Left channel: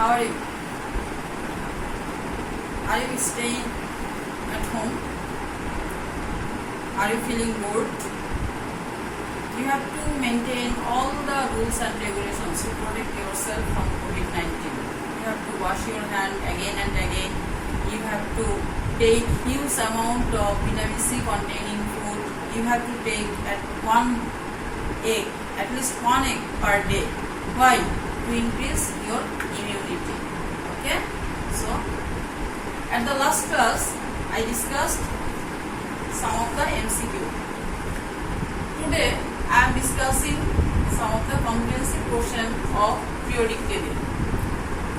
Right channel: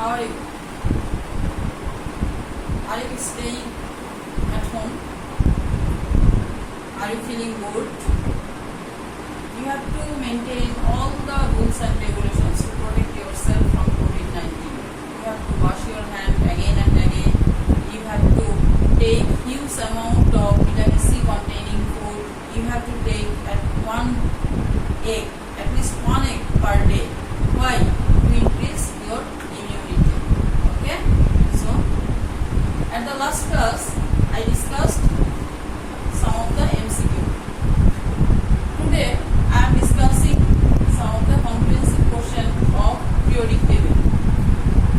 How are you? Are you staying at home? Are you feeling bored? You have to maintain all the rules and regulations to protect yourself from COVID-19. You have to wash your hand again and again. You have to take huge amount of vitamin C containing food. You have to take at least one egg per day. Why? To increase your immunity. Okay? So, at the last class, I discussed some of the MCQ. Today, I am discussing some of the comprehensive question of periodic table.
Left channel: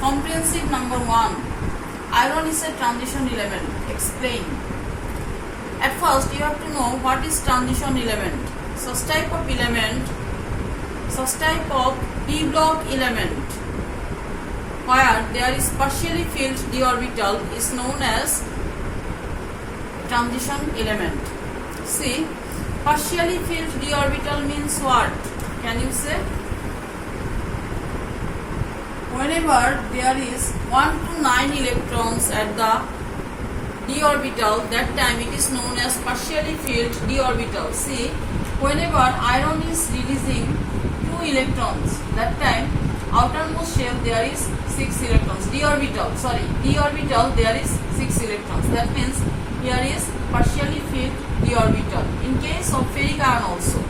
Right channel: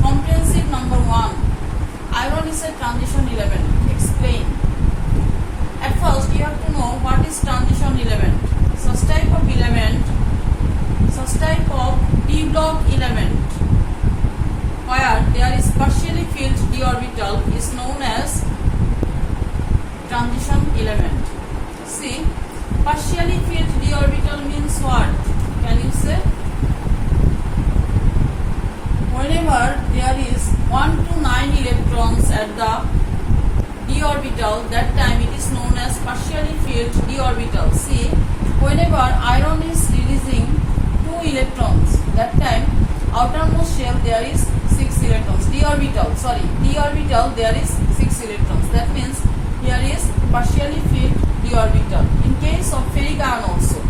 Comprehensive number 1. Iron is a transition element. Explain. At first, you have to know what is transition element. Such type of d block element where there is partially filled d orbital is known as transition element. See, partially filled d orbital means what? Can you say? Whenever there is 1 to 9 electrons at the d orbital, that time it is known as partially filled d orbital. See, whenever iron is releasing 2 electrons, that time outermost shell there is 6 electrons. D orbital there is 6 electrons. That means here is partially filled d orbital. In case of ferric ion also,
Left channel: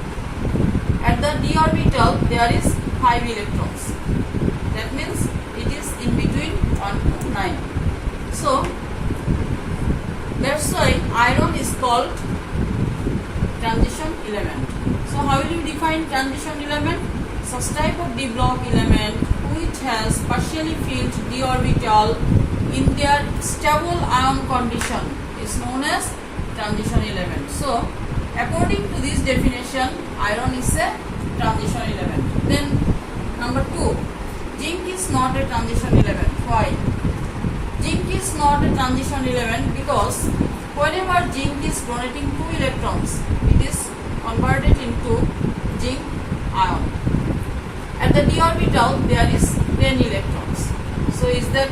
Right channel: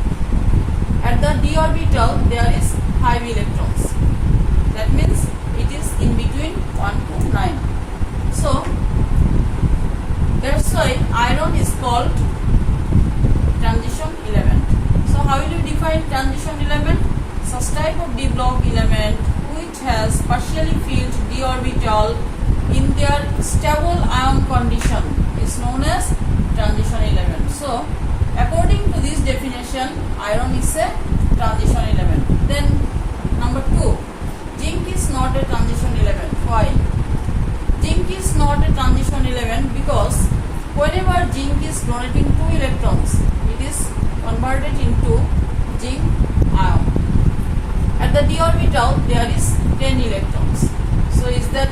at the d orbital there is 5 electrons. That means it is in between 1 to 9. So that's why iron is called transition element. So how will you define transition element? Such type of d block element which has partially filled d orbital in their stable ion condition is known as transition element. So according to this definition, iron is a transition element. Then number 2, zinc is not a transition element. Why? Zinc is not a transition element because whenever zinc is donating 2 electrons, it is converted into zinc ion. At the d orbital there is 10 electrons. So is that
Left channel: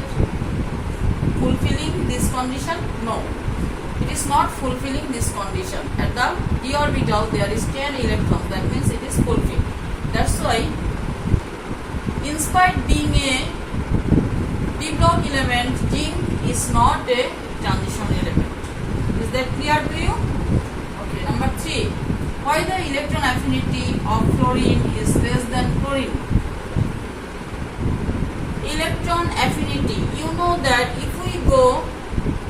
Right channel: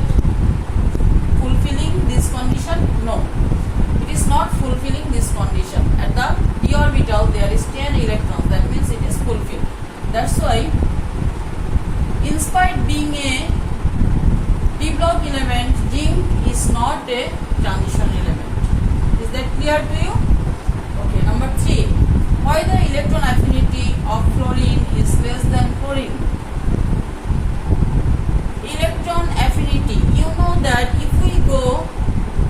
fulfilling this condition? No. It is not fulfilling this condition. At the d orbital there is 10 electrons. That means it is fulfilled. That's why, in spite being a d block element, zinc is not a transition element. Is that clear to you? Okay, number 3. Why the electron affinity of fluorine is less than chlorine? Electron affinity. You know that if we go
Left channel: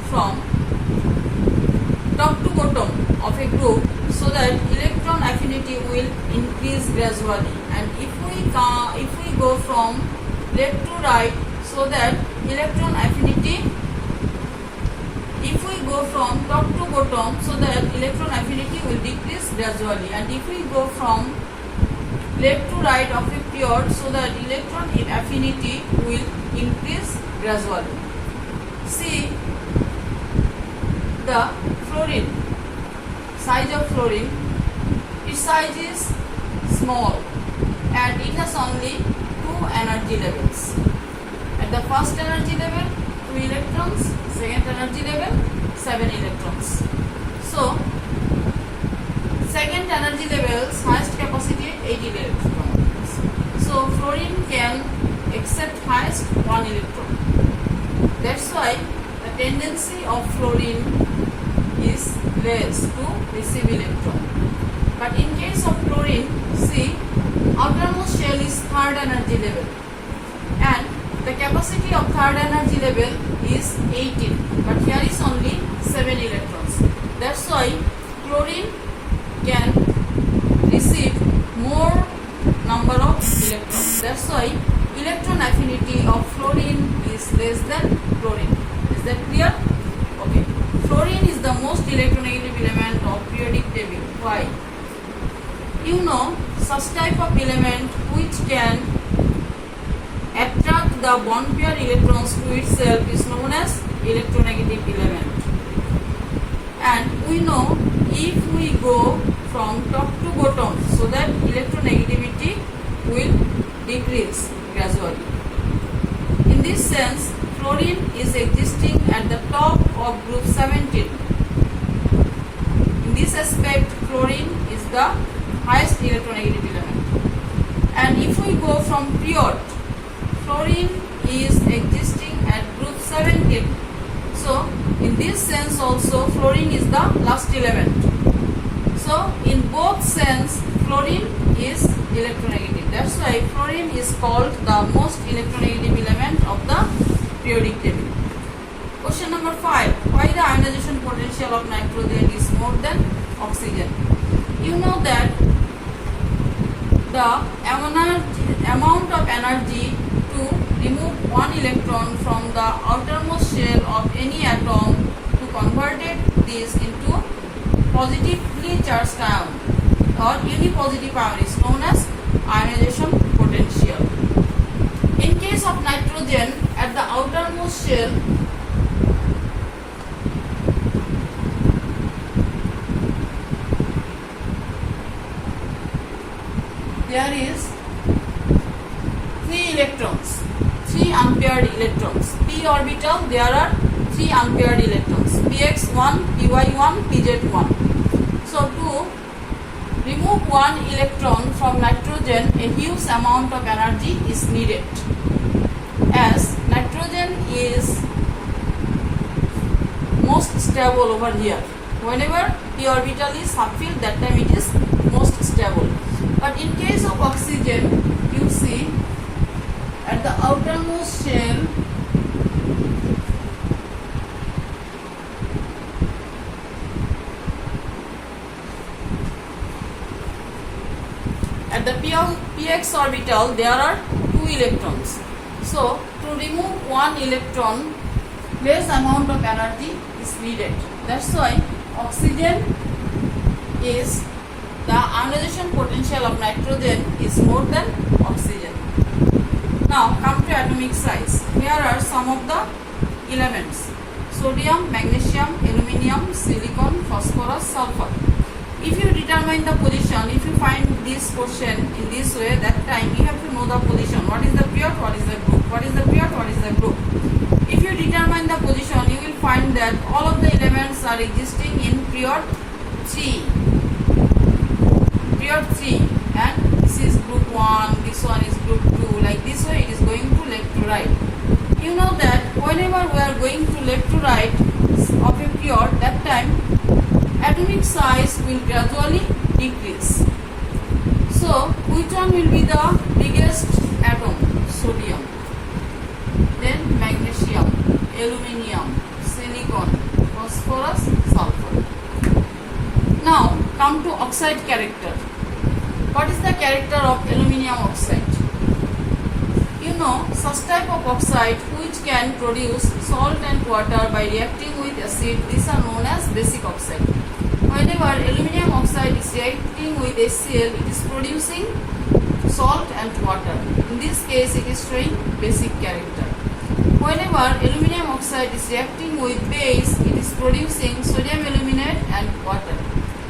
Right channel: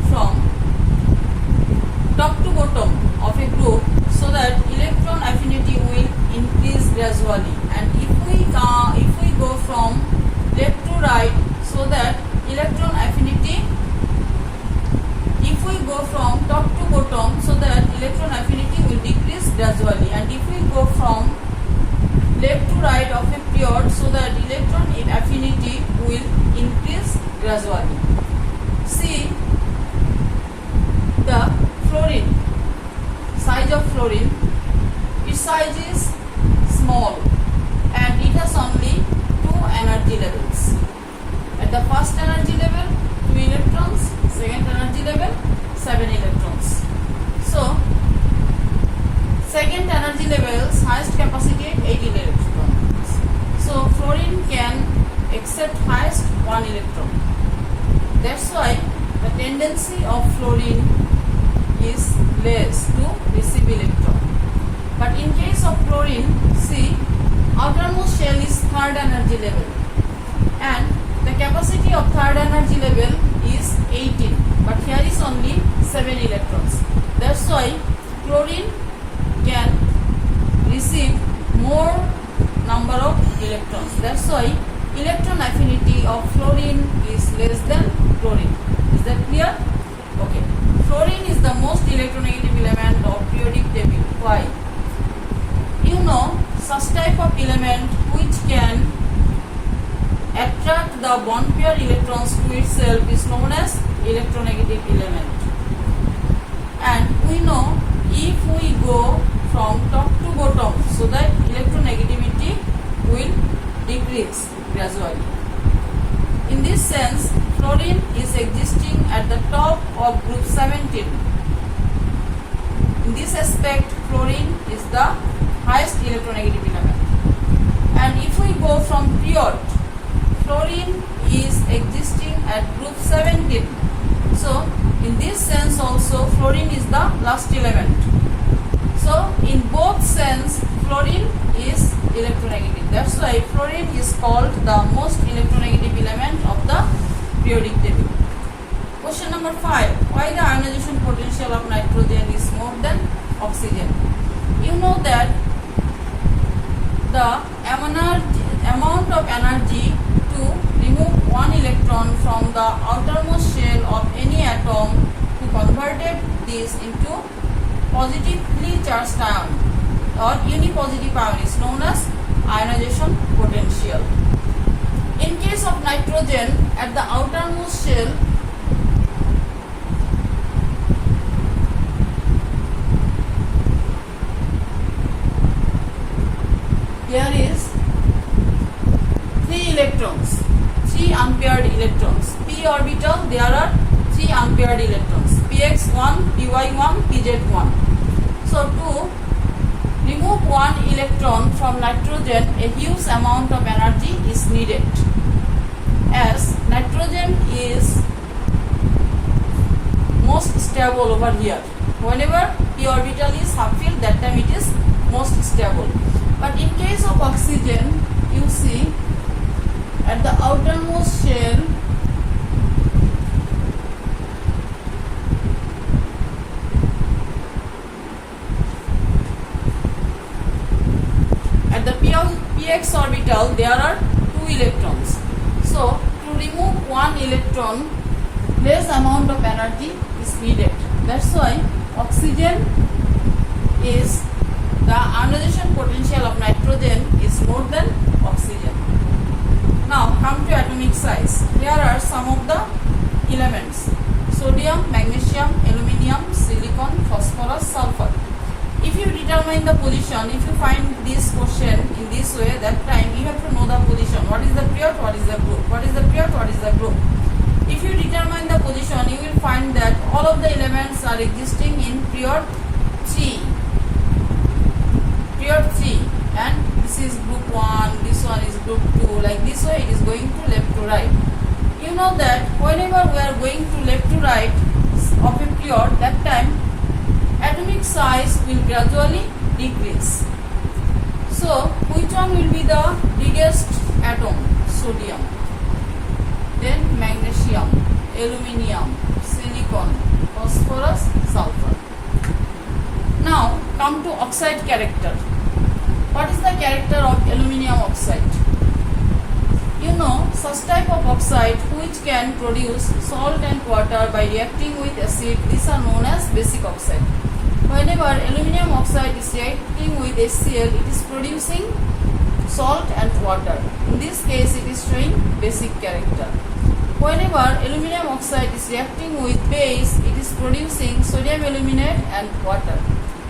from top to bottom of a group, so that electron affinity will increase gradually, and if we go from left to right, so that electron affinity, if we go from top to bottom, so that electron affinity will decrease gradually, and if we go from left to right of a period, so that electron affinity will increase gradually. See, the fluorine, size of fluorine, its size is small and it has only 2 energy levels. At the first energy level, 2 electrons, second energy level, 7 electrons. So, second energy level's highest capacity 80 electrons. So, fluorine can accept highest 1 electron. That's why the tendency of fluorine is less to receive electron. But in case of chlorine, see, outermost shell is third energy level, and the capacity of third energy level is 18, but here is only 7 electrons. That's why chlorine can receive more number of electrons. That's why electron affinity of fluorine is less than chlorine. Is that clear? Okay. Fluorine is the most electronegative element of periodic table. Why? You know, such type of element which can attract the bond pair electrons to itself is known as electronegative element. And we know if we go from top to bottom, so that electronegativity will decrease gradually. In this sense, fluorine is existing at the top of group 17. In this aspect, fluorine is the highest electronegative element. And if we go from period, fluorine is existing at group 17. So, in this sense also, fluorine is the last element. So, in both sense, fluorine is electronegative. That's why fluorine is called the most electronegative element of the periodic table. Question number 5. Why the ionization potential of nitrogen is more than oxygen? You know that the amount of energy to remove one electron from the outermost shell of any atom to convert this into positively charged ion or unipositive ion is known as ionization potential. In case of nitrogen, at the outermost shell, there is 3 electrons, 3 unpaired electrons. P orbital, there are 3 unpaired electrons, px1, py1, pz1. So to remove one electron from nitrogen, a huge amount of energy is needed, as nitrogen is most stable over here. Whenever p orbital is subfilled, that time it is most stable. But in case of oxygen, you see at the outermost shell, at the px orbital, there are 2 electrons. So, to remove one electron, less amount of energy is needed. That's why oxygen is, the ionization potential of nitrogen is more than oxygen. Now, come to atomic size. Here are some of the elements: sodium, magnesium, aluminium, silicon, phosphorus, sulfur. If you determine the position, if you find this question in this way, that time you have to know the position. What is the period, what is the group? What is the period, what is the group? If you determine the position, you will find that all of the elements are existing in period 3. Period 3. And this is group 1, this one is group 2. Like this way, it is going to left to right. You know that whenever we are going to left to right of a period, that time atomic size will gradually decrease. So, which one will be the biggest atom? Sodium. Then magnesium, aluminium, silicon, phosphorus, sulfur. Now, come to oxide character. What is the character of aluminium oxide? You know, such type of oxide which can produce salt and water by reacting with acid, these are known as basic oxide. Whenever aluminium oxide is reacting with HCl, it is producing salt and water. In this case, it is showing basic character. Whenever aluminium oxide is reacting with base, it is producing sodium aluminate and water.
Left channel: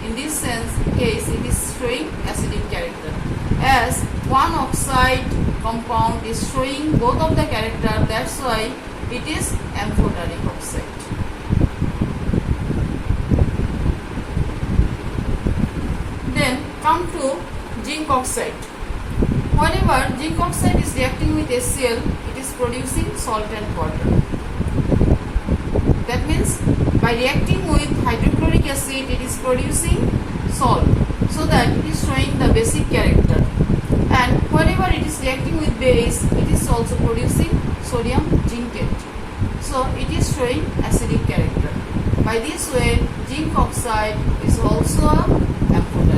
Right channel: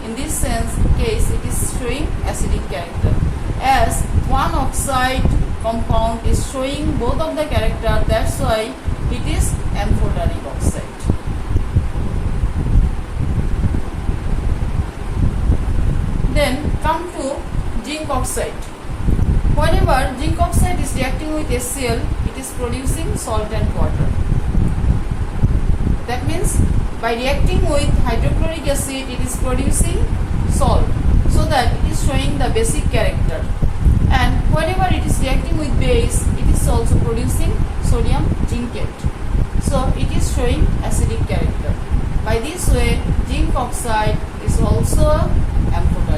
In this sense, case, it is showing acidic character. As one oxide compound is showing both of the character, that's why it is amphoteric oxide. Then come to zinc oxide. Whenever zinc oxide is reacting with HCl, it is producing salt and water. That means by reacting with hydrochloric acid, it is producing salt, so that it is showing the basic character. And whenever it is reacting with base, it is also producing sodium zincate. So it is showing acidic character. By this way, zinc oxide is also amphoteric.